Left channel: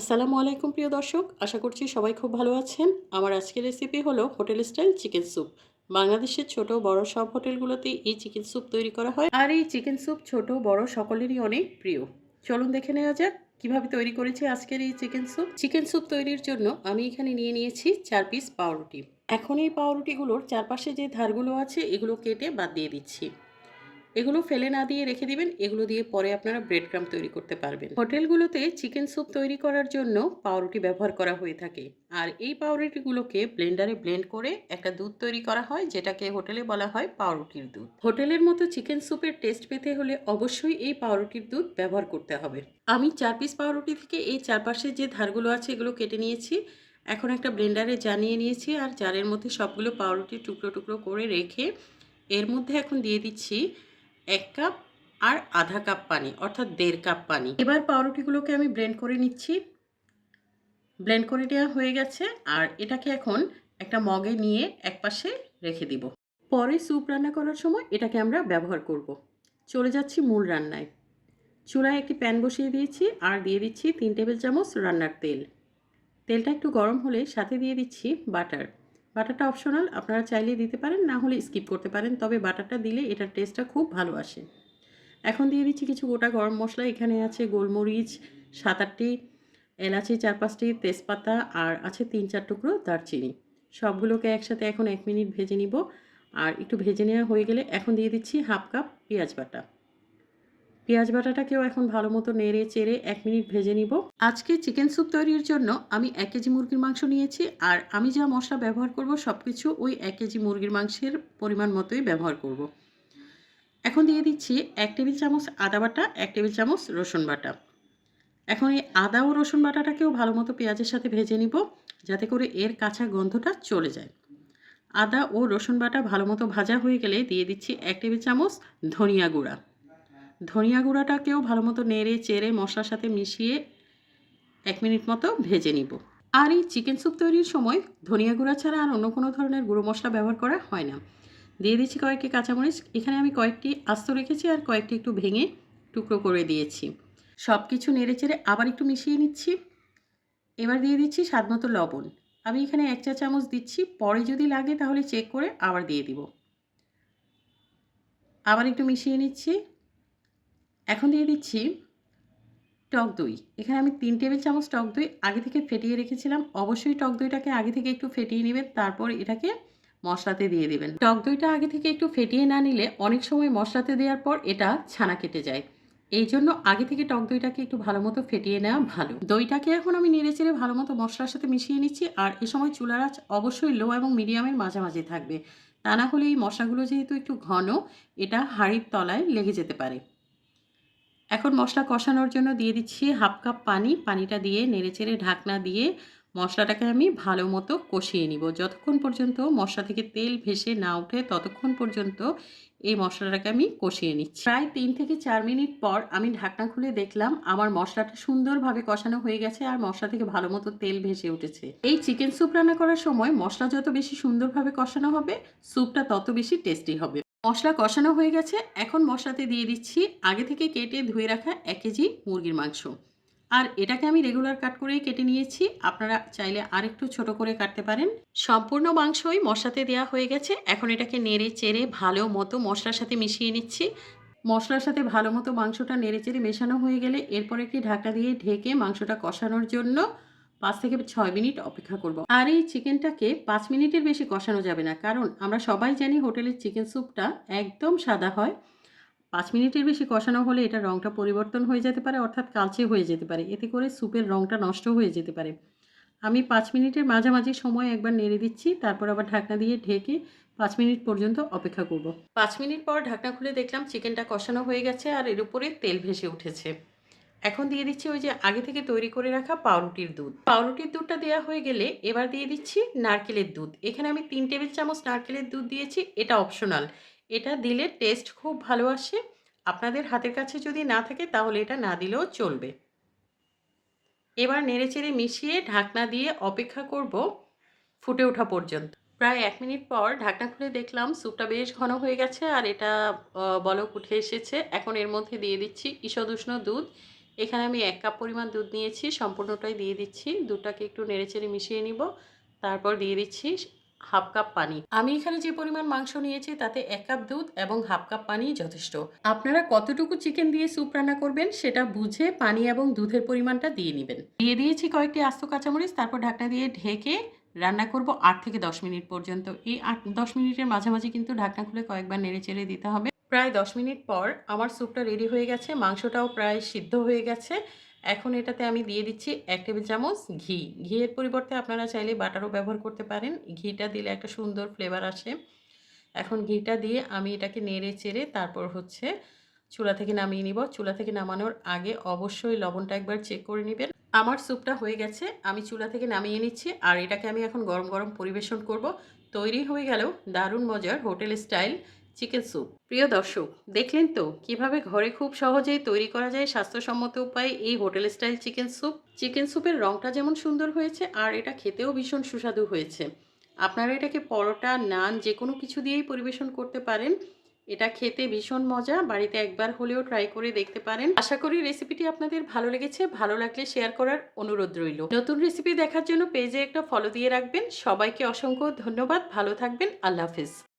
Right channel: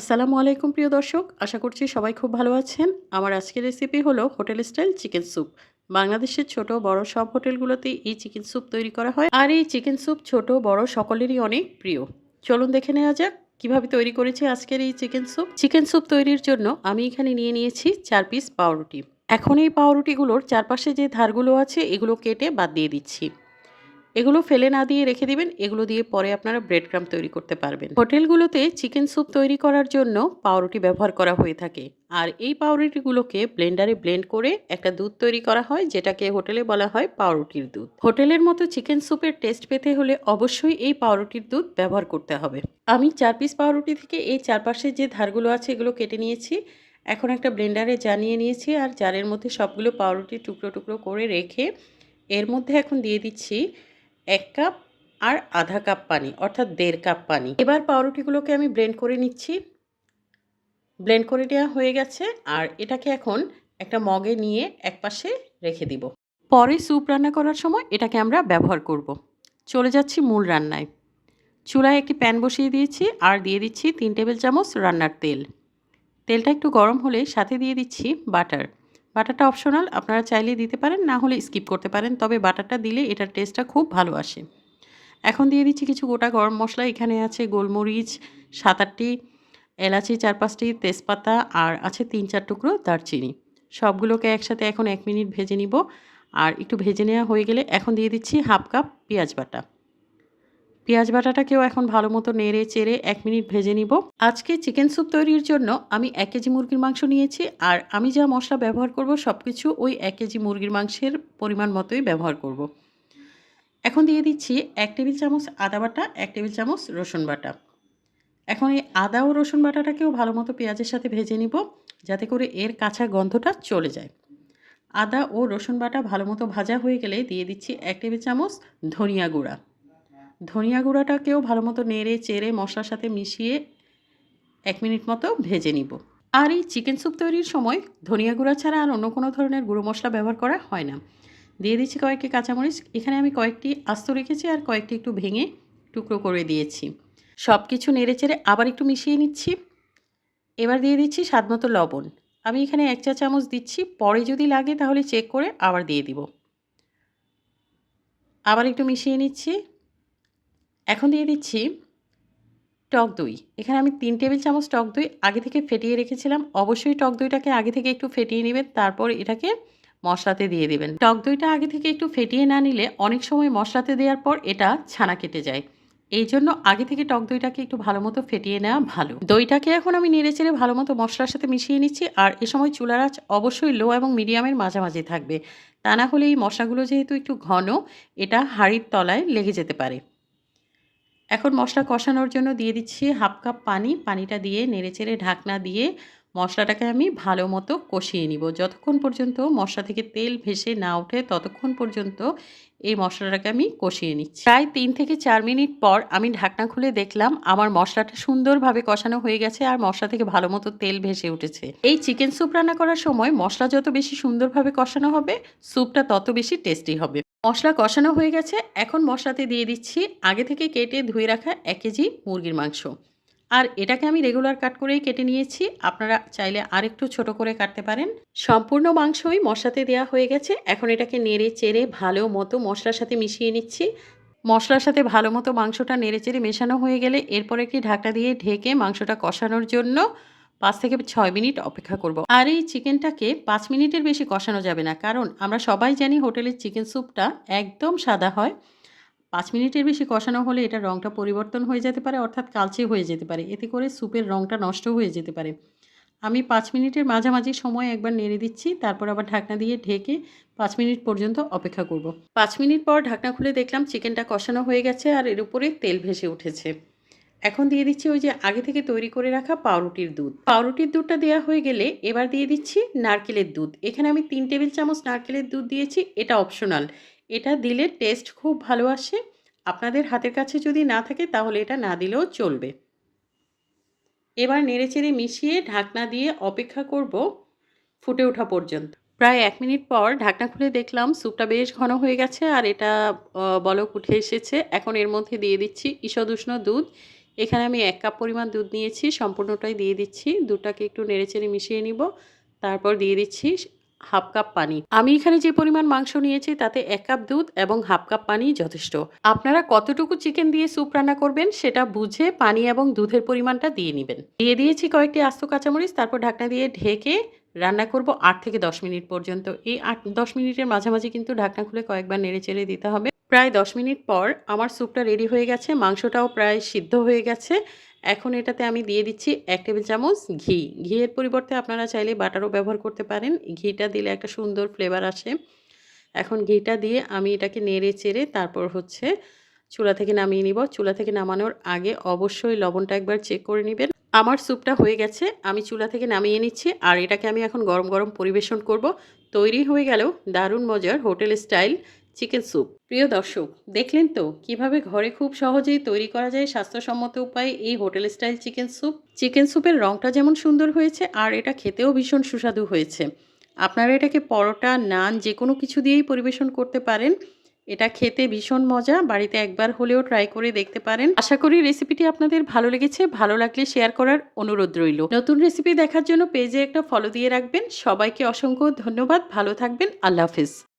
আসসালামু আলাইকুম, প্রিয় দর্শক। আশা করছি সবাই খুব ভালো আছেন। আমার আজকের রেসিপি হলো হোটেল স্টাইল চিকেন স্যুপ। বাংলাদেশের ছোট বড় সব হোটেলগুলোতেই এই চিকেন স্যুপ তৈরি করা হয়। আর এই চিকেন স্যুপ ছোট, বড় সকলেরই অনেক প্রিয়। চলুন দেখে নেওয়া যাক কীভাবে তৈরি করেছি আজকের এই চিকেন স্যুপ। চিকেন স্যুপ তৈরির জন্য আমি এখানে নিয়ে নিয়েছি চার পিস পাউরুটি। এখন এই পাউরুটিগুলোর চারপাশে যে ধারগুলো আছে, এগুলো কেটে বাদ দিয়ে দিচ্ছি। এগুলো ফেলে না দিয়ে রেখে দিবেন, এগুলো দিয়ে পরে আপনারা ব্রেড ক্রাম তৈরি করতে পারবেন। হোটেলগুলোতে চিকেন স্যুপ তৈরি করার জন্য পাউরুটি ব্যবহার করা হয়ে থাকে। আর এই পাউরুটিগুলোকে ব্লেন্ডারে ব্লেন্ড করে একটা দুধ তৈরি করা হয়, যেটাকে হোটেলে বলা হয় পাউরুটির দুধ। হোটেলের মতো চিকেন স্যুপের টেস্ট পেতে হলে অবশ্যই এই পাউরুটির দুধ ব্যবহার করতে হবে। আমি চার পিস পাউরুটি থেকে এই চারপাশের যে ধারগুলো আছে, এগুলো কেটে নিয়েছি। এখন একটা ব্লেন্ডারে জানিয়ে নিয়েছি আর জারের মধ্যে সবগুলো পাউরুটি টুকরো টুকরো করে রেখে এর মধ্যে এখন দিয়ে দিচ্ছি এক কাপ আর আধা কাপ পানি, অর্থাৎ দেড় কাপ পানি। এবার পাউরুটিগুলোকে আমি ব্লেন্ড করে নিচ্ছি। ব্লেন্ড করে নেওয়া হয়ে গেছে আর এটাকে এখন একটা মগে নিয়ে একপাশে রেখে দিব। পরে স্যুপ রান্না করার সময় এটাকে আমরা ব্যবহার করব। চলে যাচ্ছি মূল রান্নায়। চুলায় একটি প্যান বসিয়ে দিয়েছি আর দিয়ে দিচ্ছি তিন টেবিল চামচ রান্নার তেল। তেলটা একটু গরম হলে সাথে দিয়ে দিচ্ছি বাটার বাটারটা অপশনাল, আপনারা চাইলে দিতে পারেন, না হলে স্কিপ করতে পারেন, তবে বাটারটা দিলে এটার টেস্টটা খুব ভালো আসে। এখন দিয়ে দিচ্ছি কিছু গোটা গরম মশলা, এখানে আছে গোলমরিচ সাত আটটি এলাচি চার পাঁচটি তেজপাতা, আর আছে তিন চার টুকরো দারচিনি। সবগুলোকে একসাথে এখন এক মিনিট ভেজে নিব, আর একটু ভেজে নেওয়া হয়ে গেলে এখন দিয়ে দিচ্ছি হাফ কাপ পেঁয়াজ বাটা। পেঁয়াজ বাটাটাকেও এখন ভালো মতো নেড়ে চেড়ে এক মিনিট ভেজে নিব। আজকে চিকেন স্যুপ তৈরির জন্য আমি এক কেজি মুরগির মাংস নিয়েছি আর আমি যা মশলা ব্যবহার করব সব কিছু ওই এক কেজি মুরগির মাংসের পরিমাণ মতোই ব্যবহার করব। এখন দিয়ে দিচ্ছি এক টেবিল চামচ আদা বাটা, এক টেবিল চামচ রসুন বাটা। এখন এই আদা ও রসুন বাটাটাকেও ভালো মতো পেঁয়াজের সাথে ভেজে নিব যাতে করে এর কাঁচা গন্ধটা চলে যায়। আদা ও রসুন বাটা ভালো মতো ভাজা হয়ে গেলে দিয়ে দিচ্ছি এক টেবিল চামচ ধনিয়া গুঁড়া। ধনিয়া গুঁড়াটাকেও ভালো মতো নেড়ে চেড়ে মশলার সাথে মিশিয়ে এক মিনিট মতো ভেজে নিব। আর এই চিকেন স্যুপ তৈরির সময় ধনিয়া গুঁড়া ছাড়া আর অন্য কোনো ধরনের গুঁড়ো মশলা ব্যবহার করা হয় না। দিয়ে দিচ্ছি কয়েকটি কাঁচামরিচ। এখানে আমি কয়েকটি আস্ত রেখেছি আর কয়েকটি একটু ভেঙে টুকরো করে দিয়েছি। সব কিছু নেড়ে চেড়ে আবার একটু মিশিয়ে নিচ্ছি। এবার দিয়ে দিচ্ছি স্বাদ মতো লবণ। আমি এখানে এক চা চামচ দিচ্ছি। পরে যদি লাগে তাহলে চেক করে আবার দিয়ে দিব। আবার একটু মিশিয়ে নিচ্ছি। এখন দিয়ে দিচ্ছি টক দই। এখানে আমি তিন টেবিল চামচ টক দই আগে থেকে ফেটিয়ে রেখেছিলাম। অবশ্যই টক দইটাকে আগে থেকে একটু ফেটিয়ে নেবেন, তারপর এটাকে মশলাতে দিয়ে দেবেন। টক দইটা আগে থেকে একটু ফেটিয়ে না নিলে অনেক সময় মশলাতে দেওয়ার পর এটা ছানা কেটে যায়। এই জন্য আগে থেকে টক দইটাকে একটু ভালো মতো ফেটিয়ে নেওয়া ভালো। দইটাকে এখন আমি নেড়ে চেড়ে ভালো মতো মশলার সাথে মিশিয়ে নিচ্ছি, আর এ সময় চুলার আঁচ অবশ্যই লো এবং মিডিয়ামের মাঝামাঝি থাকবে। তা না হলে এই মশলাগুলো যেহেতু একটু ঘন, এটা হাড়ির তলায় লেগে যেতে পারে। এখন মশলা কষানোর জন্য দিয়ে দিচ্ছি হাফ কাপ পানি। পানিটা দিয়ে নেড়েচেড়ে ঢাকনা দিয়ে মশলাটাকে আমি ভালো মতো কষিয়ে নিব। যতক্ষণ পর্যন্ত মশলা থেকে তেল ভেসে না ওঠে, ততক্ষণ পর্যন্ত এই মশলাটাকে আমি কষিয়ে নিচ্ছি। প্রায় তিন থেকে চার মিনিট পর আমি ঢাকনা খুলে দেখলাম আমার মশলাটা সুন্দরভাবে কষানো হয়ে গেছে আর মশলা থেকে ভালো মতো তেল ভেসে উঠেছে। এই চিকেন স্যুপ রান্না করার সময় মশলা যত বেশি সুন্দরভাবে কষানো হবে, স্যুপটা তত বেশি টেস্টি হবে। মশলা কষানো হয়ে গেছে। এখন মশলাতে দিয়ে দিচ্ছি আগে থেকে কেটে ধুয়ে রাখা এক কেজি মুরগির মাংস। আর এটাকে আমি রেগুলার কাট করেই কেটে নিয়েছি। আপনারা চাইলে আরেকটু ছোট করে কাটতে পারেন। সম্পূর্ণ মাংসই মশলাতে দেওয়া হয়ে গেছে। এখন এটাকে নেড়ে চেড়ে ভালো মতো মশলার সাথে মিশিয়ে নিচ্ছি। মশলার সাথে ভালো মতো মাংসটা নেড়ে চেড়ে মেশানো হয়ে গেলে এরপর একটি ঢাকা দিয়ে ঢেকে মাংসটা কষানোর জন্য পাঁচ থেকে ছয় মিনিট অপেক্ষা করব। আর এই চিকেনটাকে পাঁচ মিনিটের বেশি কষানো যাবে না। কারণ আমরা সবাই জানি হোটেলের চিকেন স্যুপটা একদম সাদা হয়। পাঁচ মিনিটের বেশি কষানো হলে এটার রঙটা পরিবর্তন হয়ে যেতে পারে, অর্থাৎ কালচে হয়ে যেতে পারে। এতে করে স্যুপের রঙটা নষ্ট হয়ে যেতে পারে। আমি পাঁচ মিনিটের মাঝামাঝি সময় একবার নেড়ে দিচ্ছি, তারপর আবার ঢাকনা দিয়ে ঢেকে পাঁচ মিনিট পর্যন্ত অপেক্ষা করব। পাঁচ মিনিট পর ঢাকনা খুলে দেখলাম চিকেনটা কষানো হয়ে গেছে আর এর উপরে তেল ভেসে উঠেছে। এখন দিয়ে দিচ্ছি ওই যে আগে থেকে তৈরি করে রাখা পাউরুটির দুধ। পাউরুটির দুধটা দেওয়া হয়ে গেলে এবার দিয়ে দিচ্ছি নারকেলের দুধ। এখানে আমি তিন টেবিল চামচ নারকেলের দুধ দিয়েছি, এটা অপশনাল এটা দিলে টেস্ট খুব ভালো আসে। আপনাদের হাতের কাছে যদি না থাকে তাহলে এটা না দিলেও চলবে। এবার নেড়েচেড়ে মিশিয়ে ঢাকনা দিয়ে অপেক্ষা করব ফুটে ওঠা পর্যন্ত। প্রায় এক মিনিট পর ঢাকনা খুলে দেখলাম স্যুপটা বেশ ঘন হয়ে গেছে আর এটা বলক উঠে এসেছে। এখন এর মধ্যে দিয়ে দিচ্ছি ঈষদুষ্ণ দুধ। এখানে আমি এক কাপ পরিমাণ দুধ নিয়েছি, সম্পূর্ণটাই দিয়ে দিচ্ছি। দুধটাকে একটু নেড়েচেড়ে মিশিয়ে নিব, তারপর দিয়ে দিচ্ছি হাফ কাপ পানি। আমি এখানে যে পরিমাণ মাংস নিয়েছি তাতে এক কাপ দুধ এবং হাফ কাপ পানি যথেষ্ট। আপনারা কতটুকু চিকেন দিয়ে স্যুপ রান্না করবেন সেটা বুঝে পানি এবং দুধের পরিমাণটা দিয়ে নেবেন। দিয়ে দিয়েছি কয়েকটি আস্ত কাঁচামরিচ, তারপর ঢাকনা দিয়ে ঢেকে রান্না করব আট থেকে দশ মিনিট পর্যন্ত। এই আট দশ মিনিটের মাঝামাঝি কিন্তু ঢাকনা খুলে কয়েকবার নেড়ে চেড়ে দিতে হবে। প্রায় দশ মিনিট পর আমার স্যুপটা রেডি হয়ে গেছে, মাংসটাও প্রায় সিদ্ধ হয়ে গেছে। এখন এটাতে আমি দিয়ে দিচ্ছি এক টেবিল চামচ ঘি। ঘিয়ের পরিবর্তে আপনারা চাইলে বাটারও ব্যবহার করতে পারেন। ঘিটা দিলে একটা সুন্দর ফ্লেভার আসে। এখন ঘিটা দিয়ে আমি এটাকে নেড়ে চেড়ে তারপর হচ্ছে চুলা থেকে নামিয়ে নিব। চুলা থেকে নামানোর আগে অবশ্যই লবণটা একবার চেক করে নেবেন। আমার স্যুপটা হয়ে গেছে, আমি চুলা থেকে নামিয়ে নিচ্ছি আর এটাকে আমি এখন গরম গরম পরিবেশন করব। তৈরি হয়ে গেল দারুণ মজার হোটেল স্টাইল। Chicken soup. প্রিয় দর্শক দেখলেন তো কীভাবে ঘরে খুব সহজেই তৈরি করা যায় স্বাস্থ্যসম্মত উপায়ে এই hotel style chicken soup? Chicken স্যুপের রঙটা যেমন সুন্দর হয়েছে আর এটা খেতেও ভীষণ সুস্বাদু হয়েছে। আপনারা এটাকে পরোটা নান যে কোনো কিছু দিয়েই পরিবেশন করতে পারেন। এটা খেতে ভীষণ মজা বাড়িতে একবার হলেও ট্রাই করে দেখতে পারেন। আশা করি রেসিপিটি আপনাদের ভালো লেগেছে। ভালো লাগলে শেয়ার করার অনুরোধ রইল। নতুন রেসিপি দেখার জন্য পেজে একটা ফলো দিয়ে রাখবেন। সবাইকে অসংখ্য ধন্যবাদ। ভালো থাকবেন। আল্লাহ হাফিজ।